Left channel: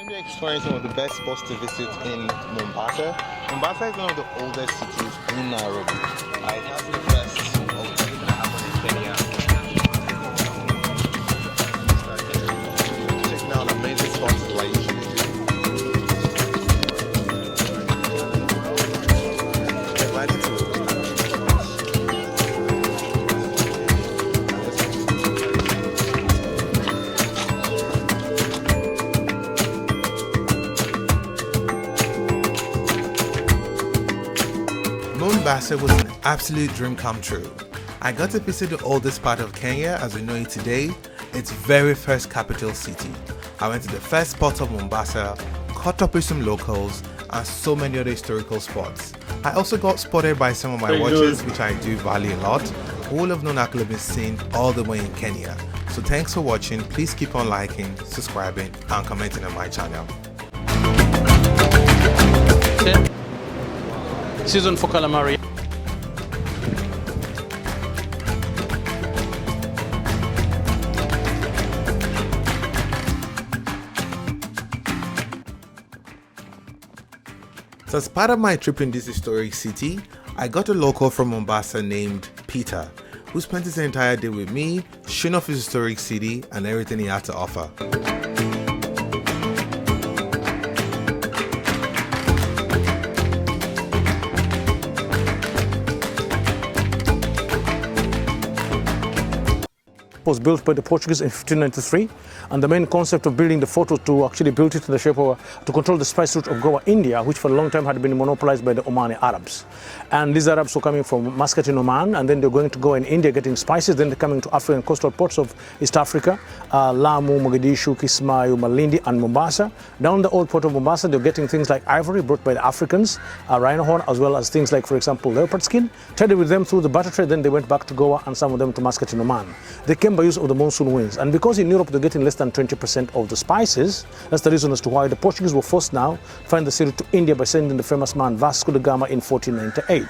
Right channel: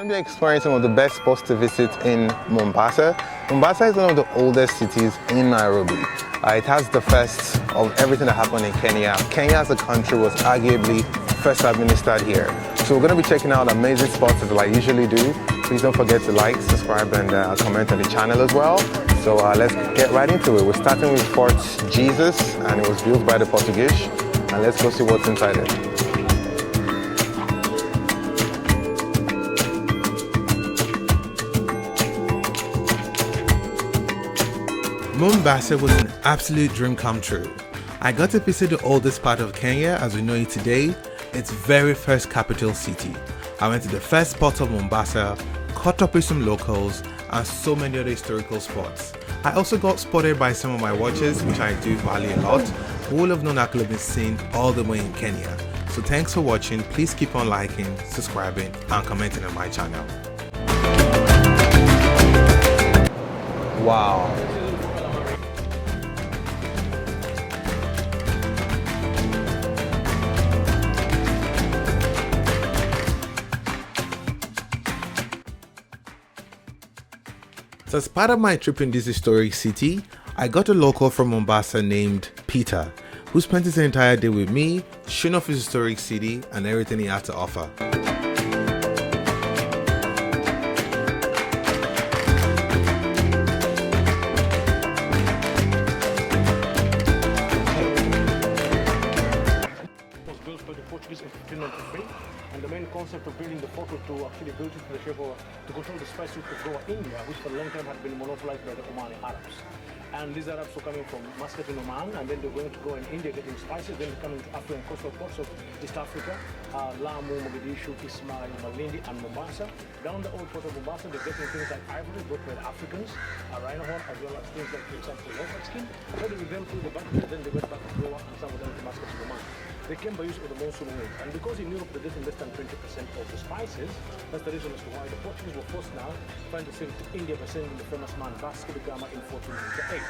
going to be exploring some of the best spots to visit in Mombasa. Mombasa is one of the oldest cities in Nairobi. It has the first of everything that happened in Kenya. Kenya as a country was arguably first administered here. So we're going to be checking out amazing spots as I usually do. Please don't forget to like, subscribe, and comment on the channel as well. So let's get right into it. We're starting with Fort Jesus, and it was built by the Portuguese. And let's go see what's inside it. Mombasa was an absolute dream come true. I got to visit the oldest part of Kenya as we know it today, its very first capital city. I went to the first spot of Mombasa, caught up with some locals, and so many other historical spots. I also got spotted by some of my watchers, which I do value a lot, who will have known I could have been seen all the way in Kenya. So thanks for watching, please keep on liking, subscribing, and commenting on my channel. Wow. Season for calamari. So as part of my trip in this historic city, I got a local from Mombasa named Peter, who spent his entire day with me, showing off his historic city and everything he had to offer. Was built by the Portuguese in 1593, and the main concept of building the fort was to actually build it in the shape of to control the spice route of Goa, India, which for a long time had been monopolized by the Omani Arabs. And these Arabs were coming from Muscat in Oman, and then they're going to go in India getting spices, then they're coming to African coastal ports of East Africa, Lamu, Mogadishu, Kismayu, Malindi, and Mombasa. Down the old port of Mombasa, they're getting things like ivory brought by the Africans, rhino horn, as well as things like, for example, leopard skin, traded with them through the butter trade, then they went back to Goa and some of them to Muscat in Oman. They came by use of the monsoon winds, and because in Europe they're getting less than 20% of the spices, that's the reason as to why the Portuguese were forced now to find the sea to India by sending the famous man Vasco da Gama in 1498.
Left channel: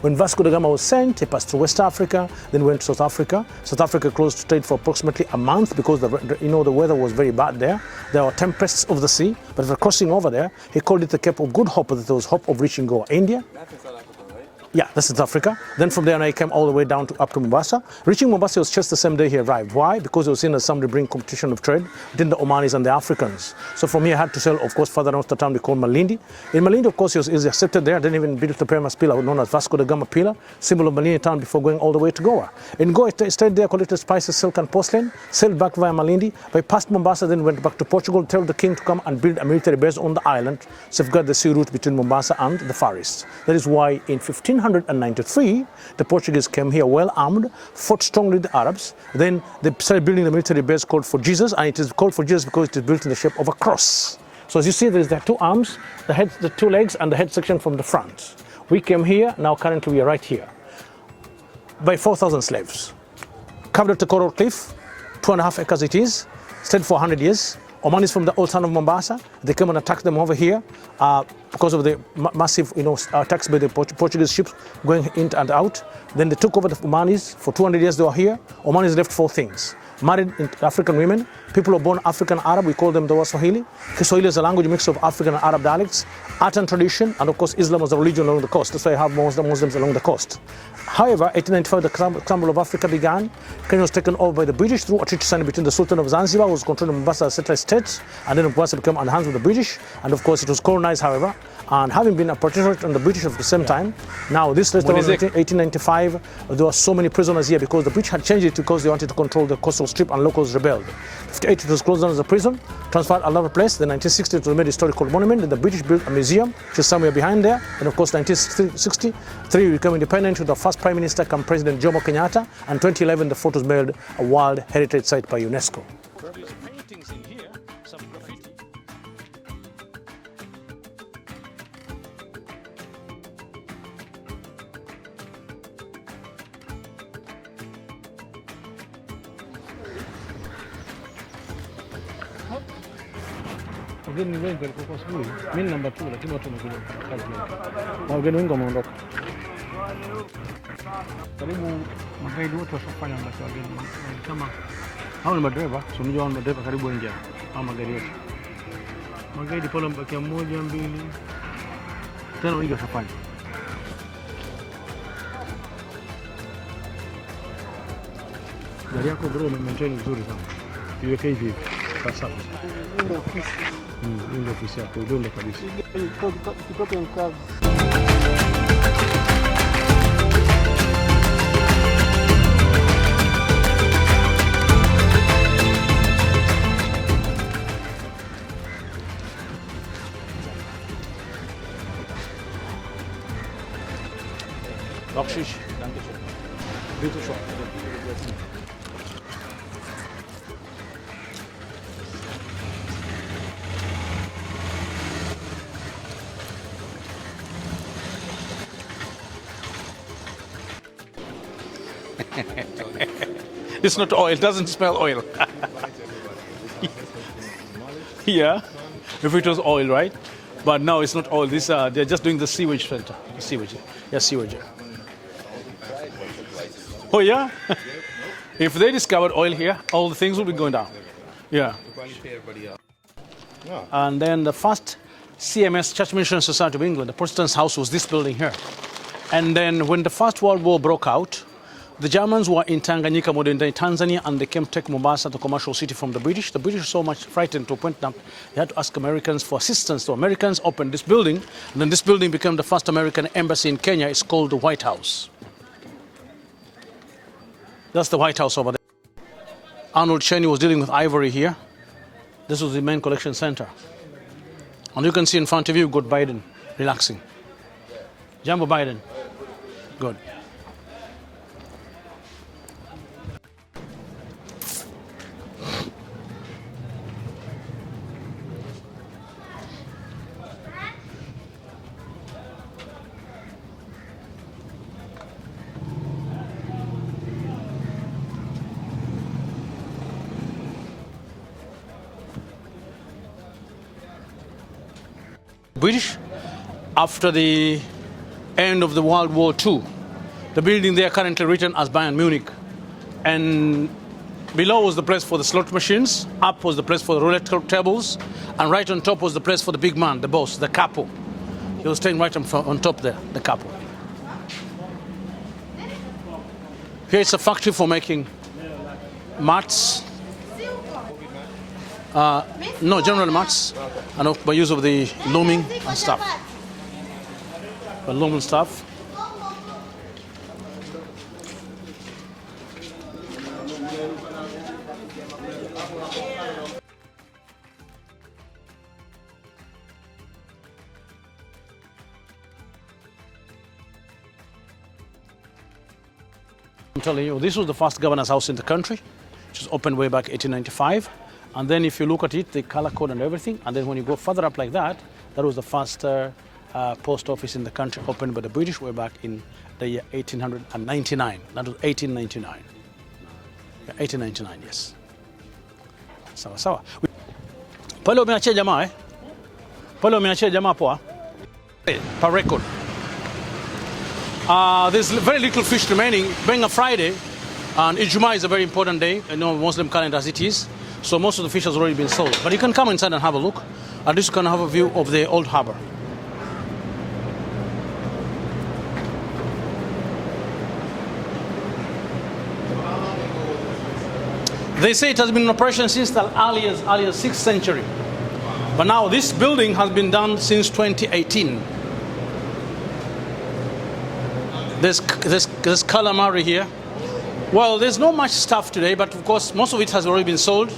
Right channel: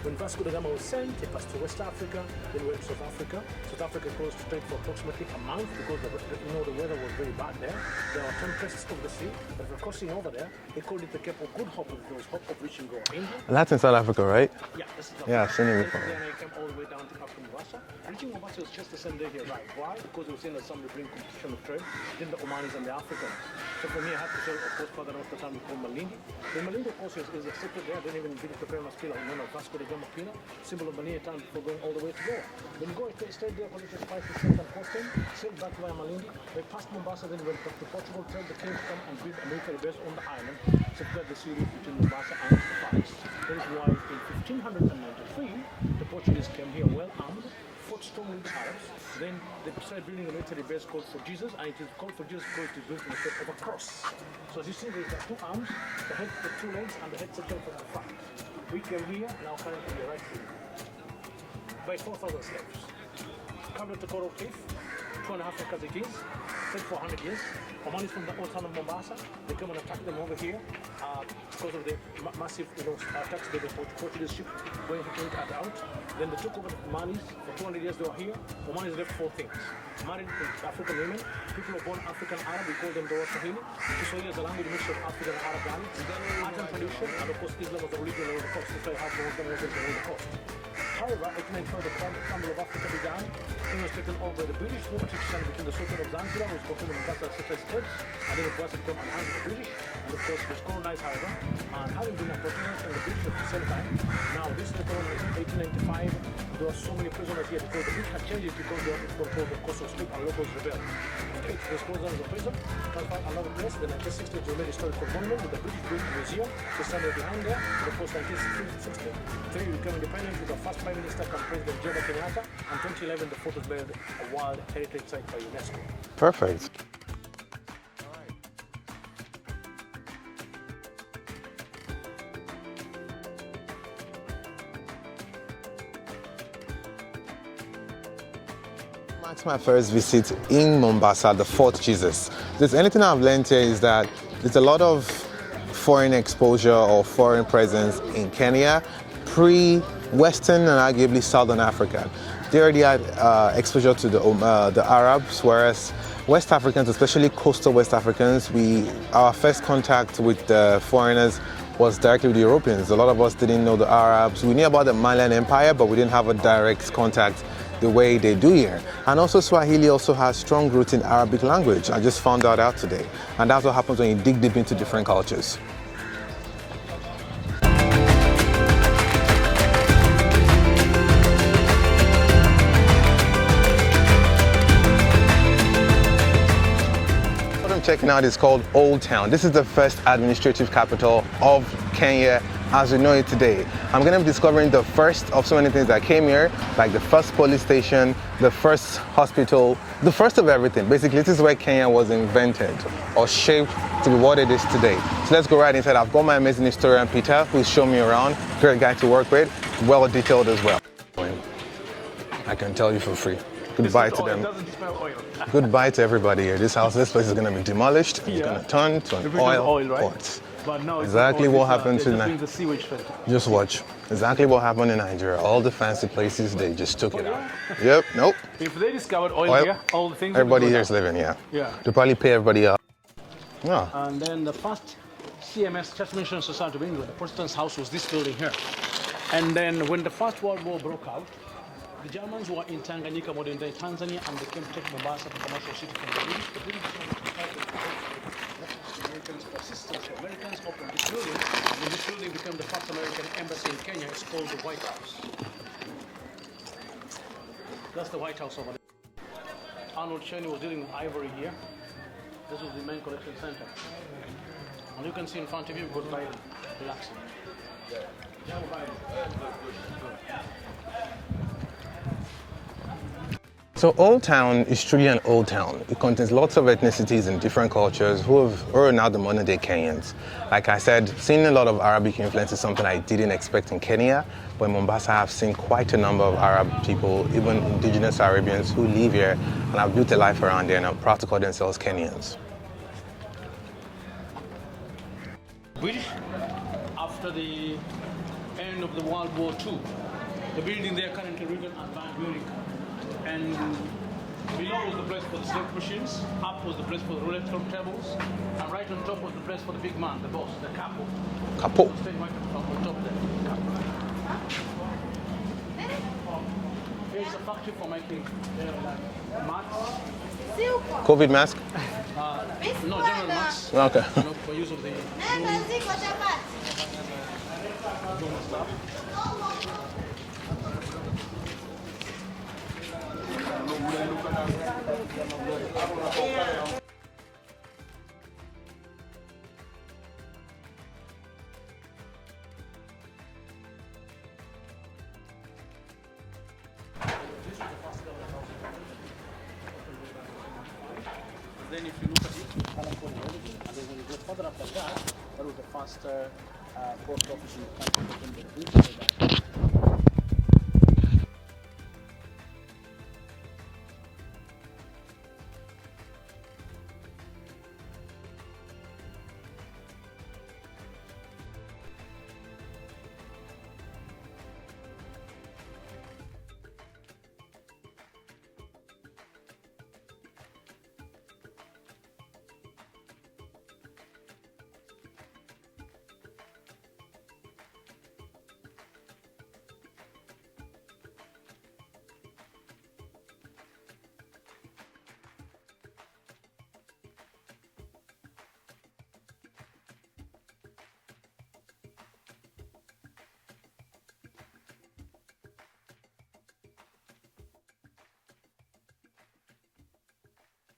When Vasco da Gama was sent, he passed through West Africa, then went to South Africa. South Africa closed to trade for approximately a month because the weather was very bad there. There were tempests of the sea, but for crossing over there, he called it the Cape of Good Hope, that there was hope of reaching Goa, India. And that's in South Africa, right? Yeah, that's in South Africa. Then from there, he came all the way down up to Mombasa. Reaching Mombasa was just the same day he arrived. Why? Because he was seen as somebody bring competition of trade between the Omanis and the Africans. So from here, I had to sail, of course, further north to the town we call Malindi. In Malindi, of course, he was accepted there. Then even built the famous pillar known as Vasco da Gama pillar, symbol of Malindi town, before going all the way to Goa. In Goa, he stayed there, collected spices, silk and porcelain, sailed back via Malindi, by past Mombasa, then went back to Portugal, told the king to come and build a military base on the island, safeguard the sea route between Mombasa and the Far East. That is why in 1593, the Portuguese came here well armed, fought strongly with the Arabs. Then they started building the military base called Fort Jesus, and it is called Fort Jesus because it is built in the shape of a cross. So as you see, there is the two arms, the head, the two legs, and the head section from the front. We came here, now currently we are right here, by 4,000 slaves. Carved at a coral cliff, 2.5 acres it is, stayed for 100 years. Omanis from the old town of Mombasa, they came and attacked them over here because of the massive attacks by the Portuguese ships going in and out. Then they took over the Omanis. For 200 years they were here. Omanis left 4 things: married African women, people who are born African Arab, we call them the Swahili. Kiswahili is a language mix of African and Arab dialects, art and tradition, and of course Islam was the religion along the coast. That's why you have Muslims along the coast. However, 1895, the crumble of Africa began. Kenya was taken over by the British through a treaty signed between the Sultan of Zanzibar, who was controlling Mombasa as satellite states, and then Mombasa became on the hands of the British. And of course, it was colonized, however, and having been a protectorate on the British at the same time. Now, this later on in 1895, there were so many prisoners here because the British had changed it because they wanted to control the coastal strip, and locals rebelled. 1958, it was closed down as a prison, transferred another place. Then 1960, it was made a historical monument. Then the British built a museum, which is somewhere behind there. And of course, 1963, we became independent with the first Prime Minister come President Jomo Kenyatta. And 2011, the fort was made a World Heritage Site by UNESCO. Perfect. It's my first visit in Mombasa, the Fort Jesus. There's anything I've learned here is that there's a lot of foreign exposure or foreign presence in Kenya, pre-Western and arguably Southern Africa. They already had exposure to the Arabs, whereas West Africans, especially coastal West Africans, our first contact with the foreigners was directly with the Europeans. A lot of us didn't know the Arabs. We knew about the Malian Empire, but we didn't have a direct contact the way they do here. And also Swahili also has strong roots in Arabic language. I just found that out today. And that's what happens when you dig deep into different cultures. Check now, it's called Old Town. This is the first administrative capital of Kenya as we know it today. I'm going to be discovering the first of so many things that came here, like the first police station, the first hospital, the first of everything. Basically, this is where Kenya was invented or shaped to be what it is today. So let's go right inside. I've got my amazing historian, Peter, who's shown me around. Great guy to work with, well detailed as well. I can tell you for free. It's not oil, it doesn't smell oil. Goodbye to everybody here. This place is going to be demolished. Yeah. Turned to an if it was oil, right? Pot. But now it's exactly not oil. They're just tonight. doing the sewage filter. Just watch. Exactly what happened in Nigeria. All the fancy places, they just took it. Yeah? Yep, nope. If they discovered oil here, all the things would be everybody going here's down. living here. Yeah. To probably pay everybody up. Yeah. And then the first CMS, Church Mission Society of England, the Protestants' house was this building here. And then when the First World War broke out, the Germans were in Tanganyika, modern-day Tanzania, and they came to take Mombasa, the commercial city, from the British. The British were so much frightened to point them. They had to ask Americans for assistance. So Americans opened this building, and then this building became the first American embassy in Kenya. It's called the White House. That's the White House over there. Arnold Cheney was dealing with ivory here. This was the main collection center. And you can see in front of you, you've got Biden relaxing. Jambo Biden. Good. So Old Town is truly an old town. It contains lots of ethnicities and different cultures who are now the modern day Kenyans. Like I said, seeing a lot of Arabic influence is something I didn't expect in Kenya, but in Mombasa I've seen quite a number of Arab people, even indigenous Arabians who live here and have built a life around here and are proud to call themselves Kenyans. British, after the end of the World War II, the building there currently written as Bayern Munich. And below was the place for the slot machines, up was the place for the roulette tables, and right on top was the place for the big man, the boss, the capo. He was staying right on top there, the capo. Here it's a factory for making mats. COVID mask? No, general mats. Okay. And by use of the looming and stuff. The looming stuff. I'm telling you, this was the first governor's house in the country, which was opened way back 1895. And then if you look at it, the color code and everything, and then when you go further up like that, that was the first post office in the country opened by the British way back in the year 1899. That was 1899. 1899, yes. Sawa sawa. Pale umeachia jamaa Pale umeachia jamaa poa. Per record. There's very little fish remaining. Being a Friday, and Ijumaa is a very important day, Muslim calendar as it is. So most of the fish has already been sold. But you can come inside and have a look. At least you can have a view of the old harbor. They say it has been in operation since the early as 6th century. But now this building has been done since 2018. There's calamari here. Well, there's not much stuff today, but of course most of it has already been sold.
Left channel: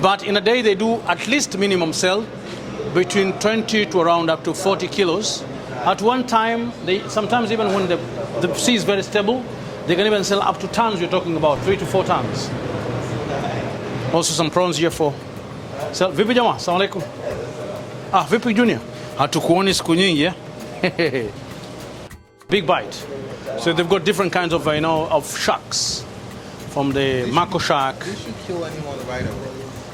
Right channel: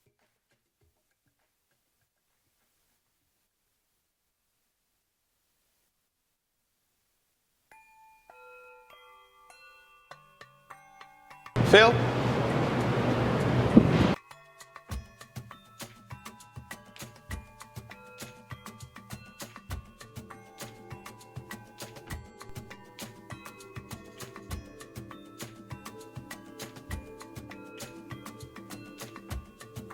But in a day they do at least minimum sell between 20 to around up to 40 kilos. At one time, sometimes even when the sea is very stable, they can even sell up to tons. We're talking about 3 to 4 tons. Also some prawns here for sell. Vipi jamaa? Assalamu alaikum. Vipi Junior? Hatukuoni siku nyingi, eh? Big bite. So they've got different kinds of, of sharks. from the Mako Shark. Did she kill anyone right away?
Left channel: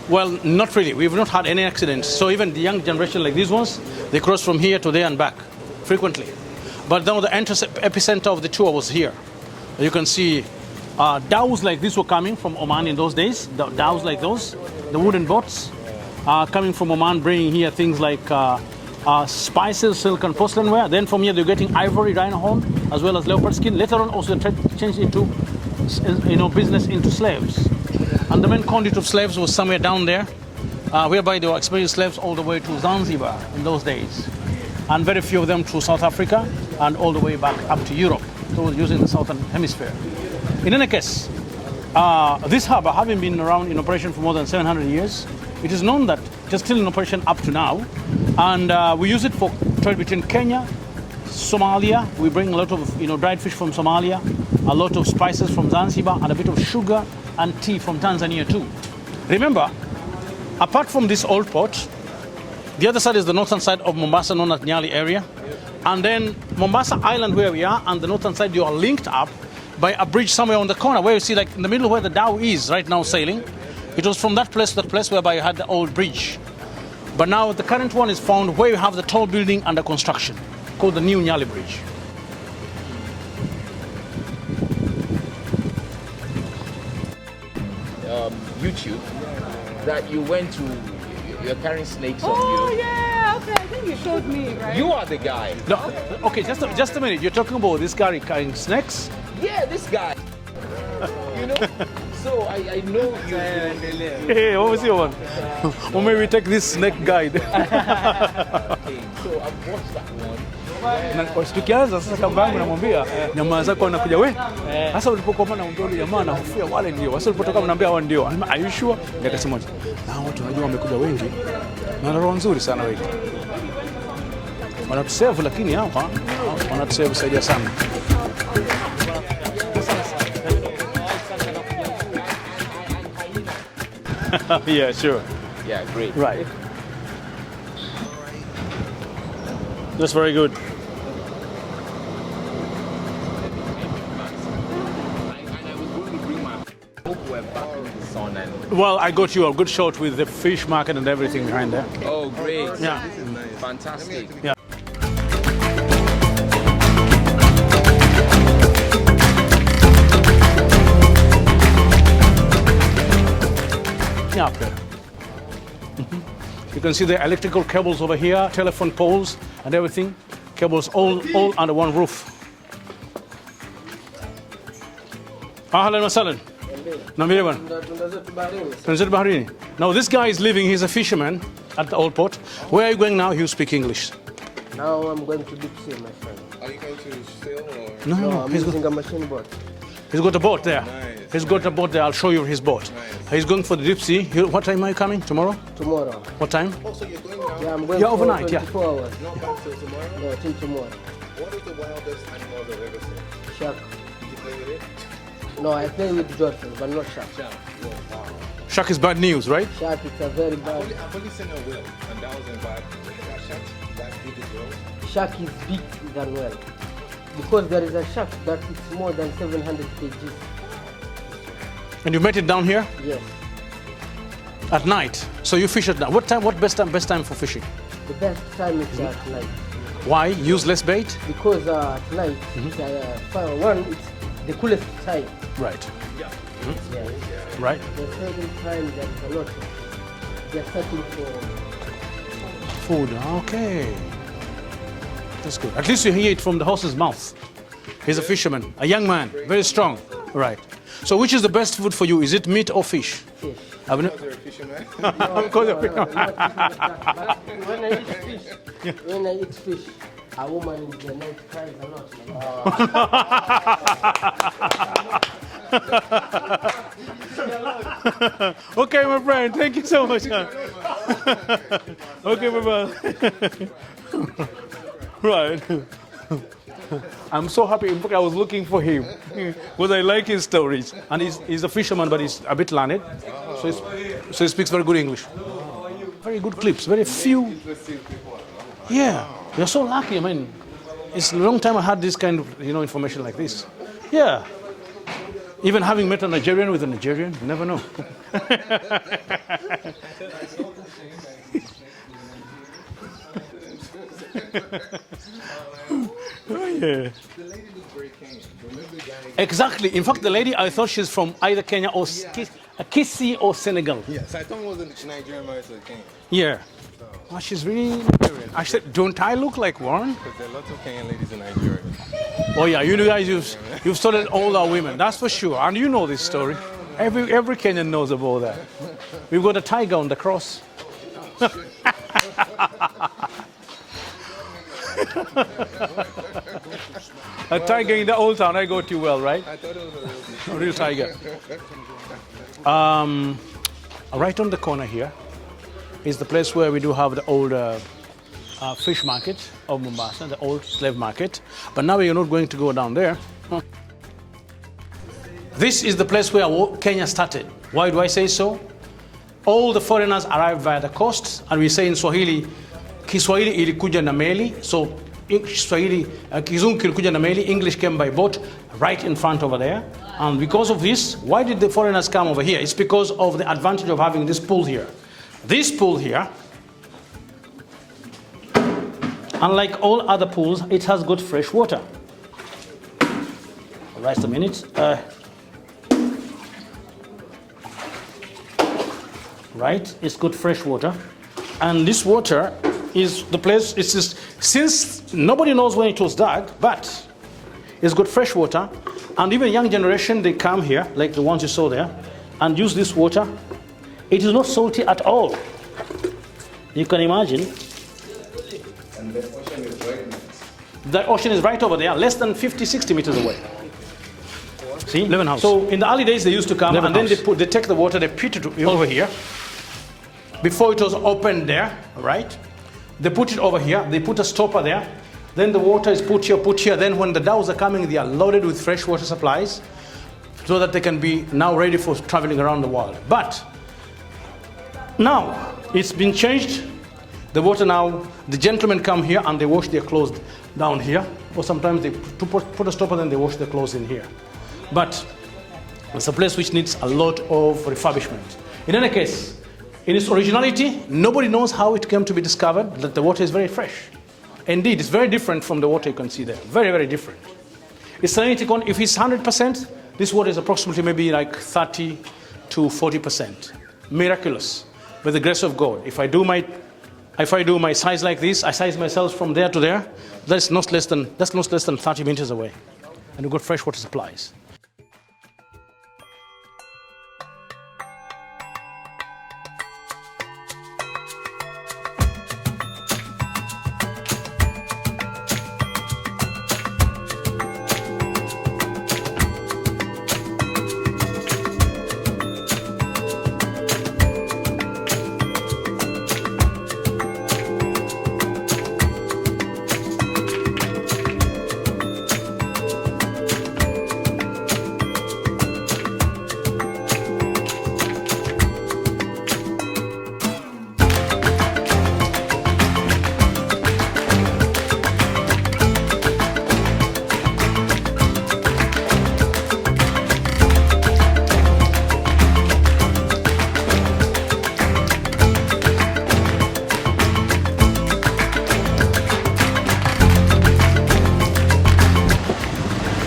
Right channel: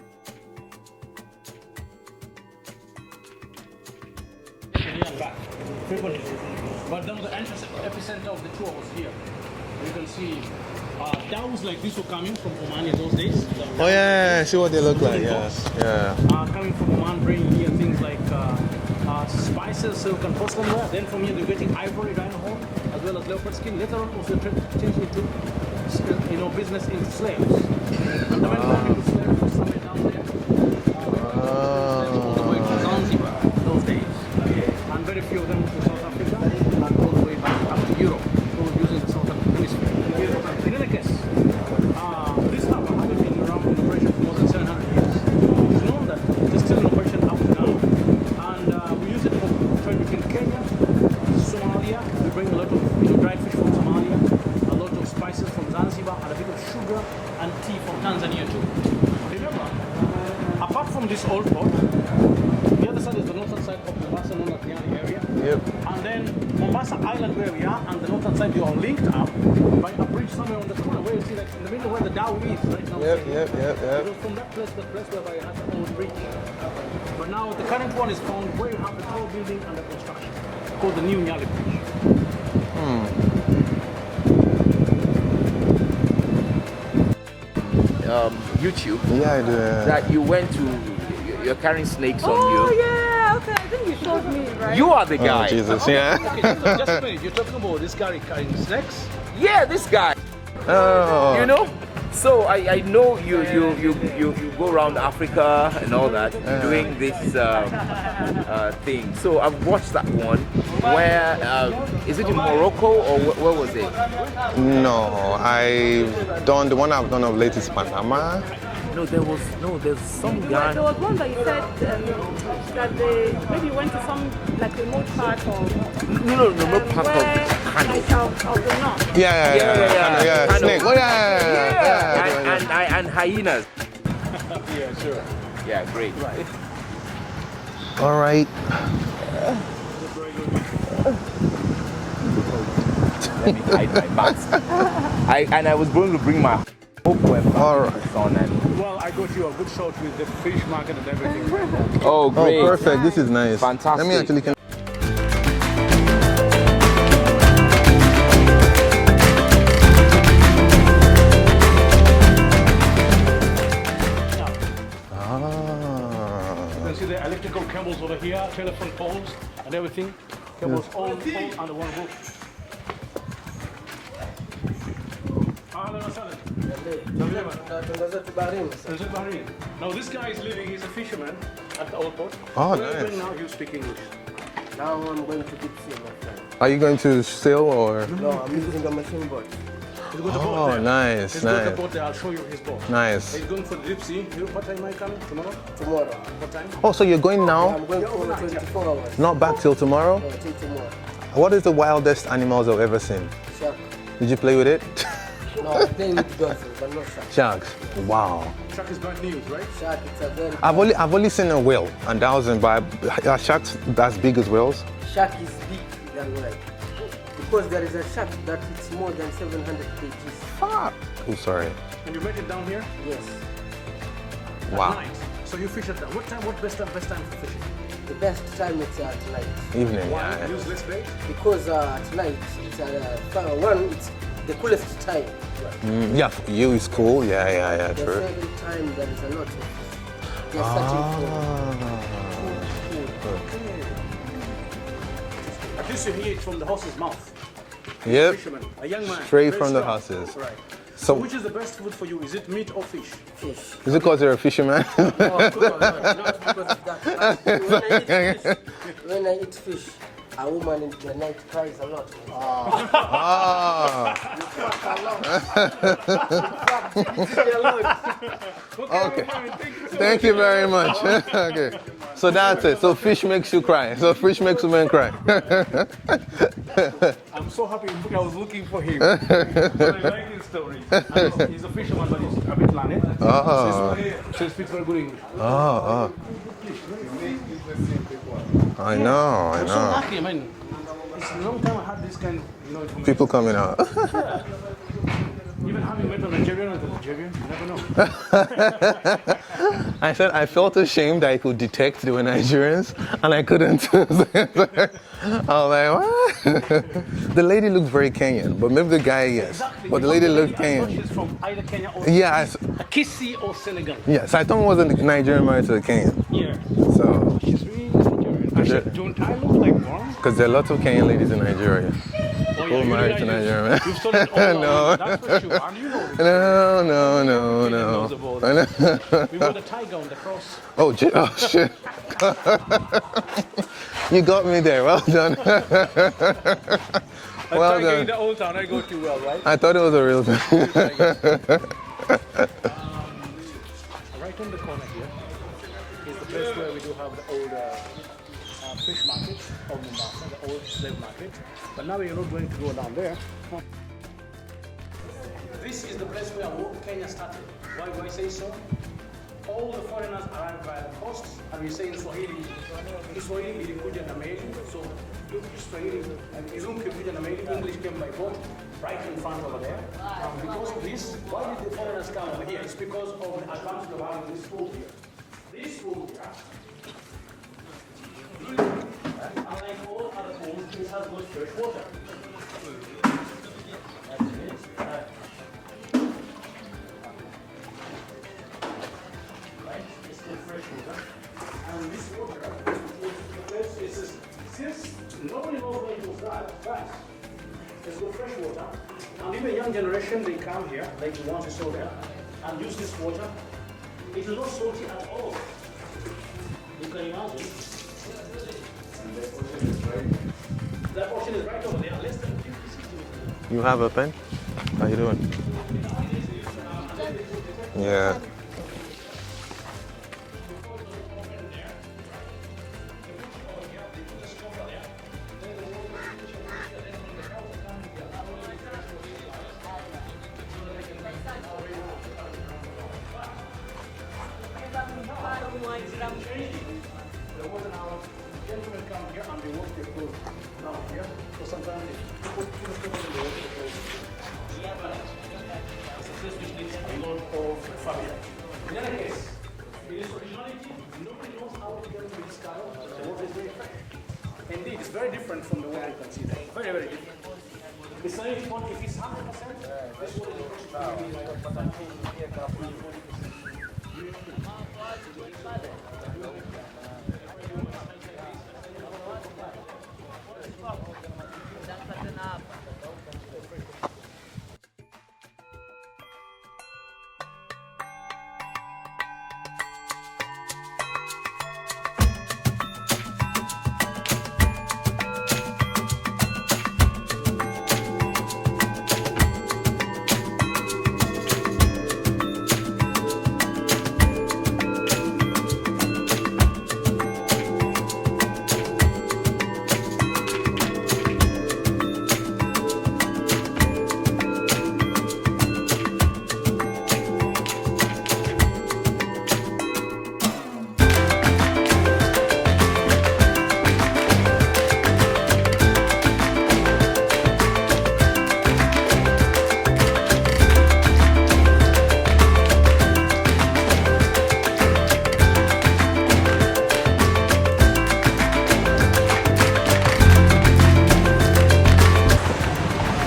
Well, not really. We've not had any accidents. So even the young generation like these ones, they cross from here to there and back frequently. But now the epicenter of the tour was here. You can see dhows like this were coming from Oman in those days. Dhows like those, see what they look the wooden like, boats, yeah. coming from Oman, bringing here things like spices, silk and porcelain ware. Then from here they're getting ivory, rhino horn, as well as leopard skin. Later on also they changed into, business into slaves. And the main conduit of slaves was somewhere down there, whereby they were experienced slaves all the way to Zanzibar in those days. And very few of them to South Africa and all the way back up to Europe, using the southern hemisphere. In any case, this harbour, having been around in operation for more than 700 years, it is known that it is still in operation up to now. And we use it for trade between Kenya, Somalia. We bring a lot of dried fish from Somalia, a lot of spices from Zanzibar, and a bit of sugar and tea from Tanzania too. Remember, apart from this old port, the other side is the northern side of Mombasa, known as Nyali area. Yep. And then Mombasa Island, where we are, and the northern side, you are linked up by a bridge somewhere on the corner, where you see, like in the middle where the dhow is right now sailing. It was from that place to that place whereby you had the old bridge. But now the current one is found where you have the tall building under construction, called the New Nyali Bridge. YouTube. Yeah, I do. That you went to, you're carrying snakes on Oh, you. yeah, okay, I think you showed me, right? You are the guy. Oh, Jesus, yeah. Okay, just a minute. You're talking about this guy carrying snakes? Yeah, this guy. Oh. You know? So I know you Hey, go what was around your- Africa and all Maybe that, take this doing snake guy. thing. So I've watched that one where is it in Morocco or Jamaa zako wanakuja we? No, I don't. The one I've done of late is Panama. Are you sure? no, there's some Na roho nzuri sana wewe. Maybe you went to some, like, Wanatusave lakini hapa. Wanatusave zaidi sana. Yeah. Snake. Oh, yeah. and hyenas. Yeah, sure. Yeah, great. Right. All right. That's very good. Let me hide my mask. I was going to bring my All right. son and Well, I got you a good shot with the fish market and everything behind there. oh Oh, great. perfect. This is nice. Fantastic. Let me actually. Yeah. You can see the electrical cables over here, telephone poles and everything. Cables all under one roof. Ahlan wa sahlan. Namire bwana. Tunazidi baharini. Now this guy is living, he's a fisherman at the old port. Where are you going now? You speak English. Now I'm going to deep sea, my friend. Are you going to sail or? No, I'm using a machine boat. He's got a boat there. nice, He's got a nice. boat there. I'll show you his boat. Nice. He's going for the deep sea. What time are you coming? Tomorrow? Tomorrow. What time? Oh, so you're going now? I'm going Yeah, for overnight, yeah. 24 hours. Not back till tomorrow? No, till tomorrow. What is the wildest animals I've ever seen? Shark. Did you play with it? No, I play with dolphins, but not shark. Shark. Wow. Shark is bad news, right? Shark, it's a very I've only seen a whale, and that was in by sharks as big as whales. Shark is big than well. Because there is a shark that it's more than 700 kgs. Oh, sorry. And you met it down here Yes. at night. So you fish at night. What time? What best time for fishing? The best time is at night. Evening. Why? Use less bait? Because at night, it's the coolest time. Right. Yeah, for you it's cool. Yeah, The true. second time there is a lot of. They are searching for Food. Okay. That's good. At least you hear it from the horse's mouth. He's a Yep. fisherman, a young man, Straight very from the strong. horses. Right. So which is the best food for you? Is it meat or fish? fish. Is it because you're a fisherman? When I eat fish, a woman in the night cries a lot. Okay, my friend. Thank you so Thank much. you very much. Okay. So that's it. So fish makes you cry. So fish makes women cry. I'm so happy. In fact, I was looking for him because I like his stories. And he's a fisherman, but he's a bit learned. So he speaks very good English. Very good clips. Very few. I know. You're so lucky, man. It's a long time I had this kind of information. People like coming this. out. Yeah. Even having met a Nigerian with a Nigerian, you never know. I said I felt ashamed that I could detect they were Nigerians, and I couldn't. I was like, what? The lady looked very Kenyan, but maybe the guy... Yeah. Exactly. But In fact, the lady, looked I Kenyan. thought she's from either Kenya or Kisii or Senegal. Yes, I thought it was a Nigerian married to a Kenyan. Yeah. So, Oh, she's really... I said, don't I look like one? because there are lots of Kenyan ladies in Nigeria. Oh yeah, you married guys, to Nigeria. you've studied all our women, that's for sure. And you know this story. Every Kenyan knows about that. We've got a tiger on the cross. Oh, shit. You got me there. Well done. A tiger in the Old Town, I got you well, right? I thought it was a real thing. Real tiger. Right on the corner here is the place where we do have the old fish market of Mombasa, the old slave market. But now we are not going to go down there. This is the place where Kenya started. Why do I say so? All the foreigners arrived via the coast, and we say in Swahili, Kiswahili ilikuja na meli. So Swahili, Kizungu kilikuja na meli, English came by boat right in front over there. And because of this, why did the foreigners come over here? It's because of the advantage of having this pool here. This pool here, unlike all other pools, it has got fresh water. Just a minute. Right, it's got fresh water. And this water is the place, it's just, since nobody knows when it was dug, but it's got fresh water. And even young generation, they come here, like the ones you saw there, and use this water. It is not salty at all. You can imagine. The ocean is right over there, less than 50, 60 meters away. You have a pen? See? So in the early days, they used to come and then they take the water, they put it over here. Before it was opened there, right? They put it over here, they put a stopper there. Then the water is put here. Then when the dhows are coming, they are loaded with fresh water supplies so that they can be now ready for traveling around the world. But now it's been changed. The water now, the gentlemen come here and they wash their clothes down here. Or sometimes they put a stopper and they wash their clothes in here. But it's a place which needs a lot of refurbishment. In any case, in its originality, nobody knows how it came to be discovered that the water is very fresh. Indeed, it's very different from the water you can see there. Very, very different. Its salinity, if it's 100%, this water is approximately maybe like 30 to 40%. Miraculous. With the grace of God. If I do my size like this, I size myself from there to there, that's not less than 30 meters away. And we've got fresh water supplies.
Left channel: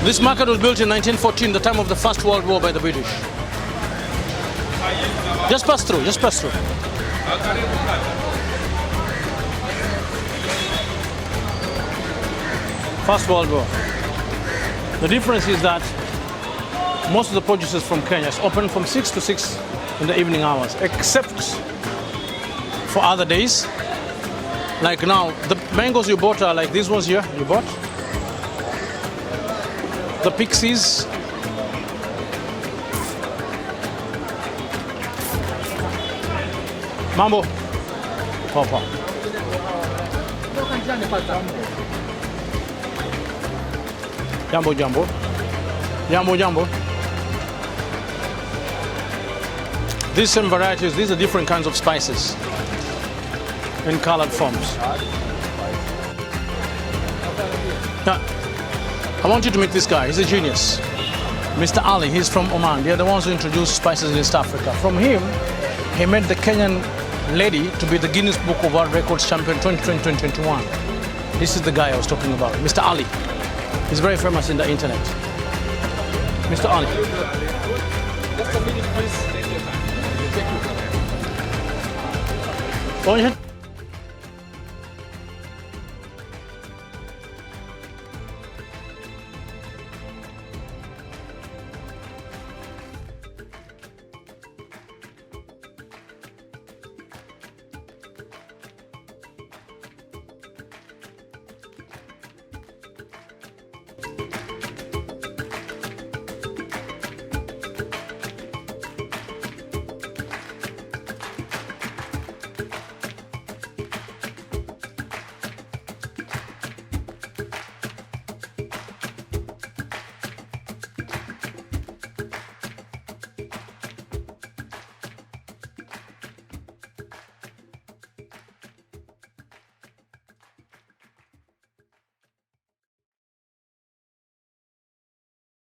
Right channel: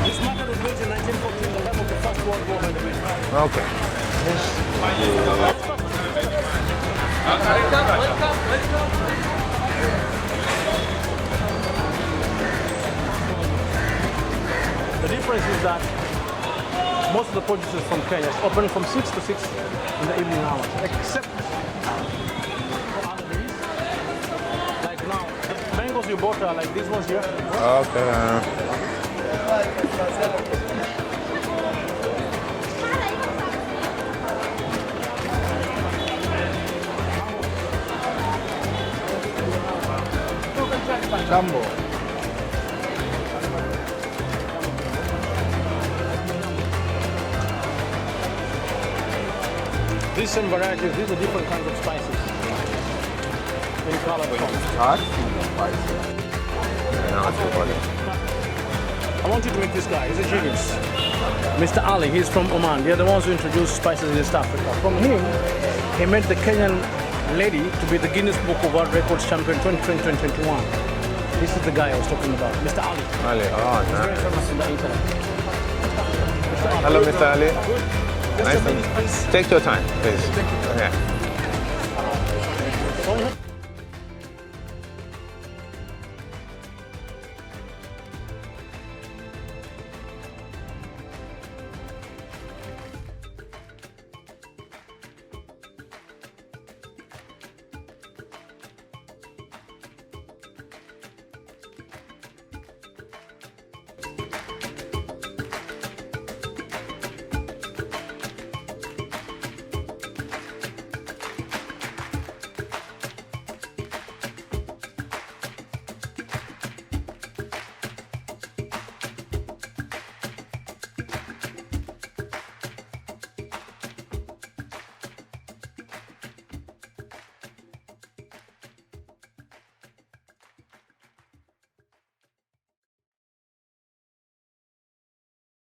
This market was built in 1914, the time of the First World War by the British. Okay. Just pass through, just pass through. First World War. The difference is that most of the produce is from Kenya. It's open from 6 to 6 in the evening hours, except for other days. Like now, the mangoes you bought are like these ones here, you bought. Okay. The pixies. Mambo. Papa. Jambo, jambo. Jambo, jambo. These same varieties, these are different kinds of spices in colored forms. Now, I want you to meet this guy. He's a genius. Mr. Ali, he's from Oman. They're the ones who introduced spices in East Africa. From him, he made the Kenyan lady to be the Guinness Book of World Records champion 2020-2021. This is the guy I was talking about, Mr. Ali. He's very famous in the internet. Mr. Ali. Hello, Mr. Ali. Nice. Take your time, please. Yeah. Go ahead.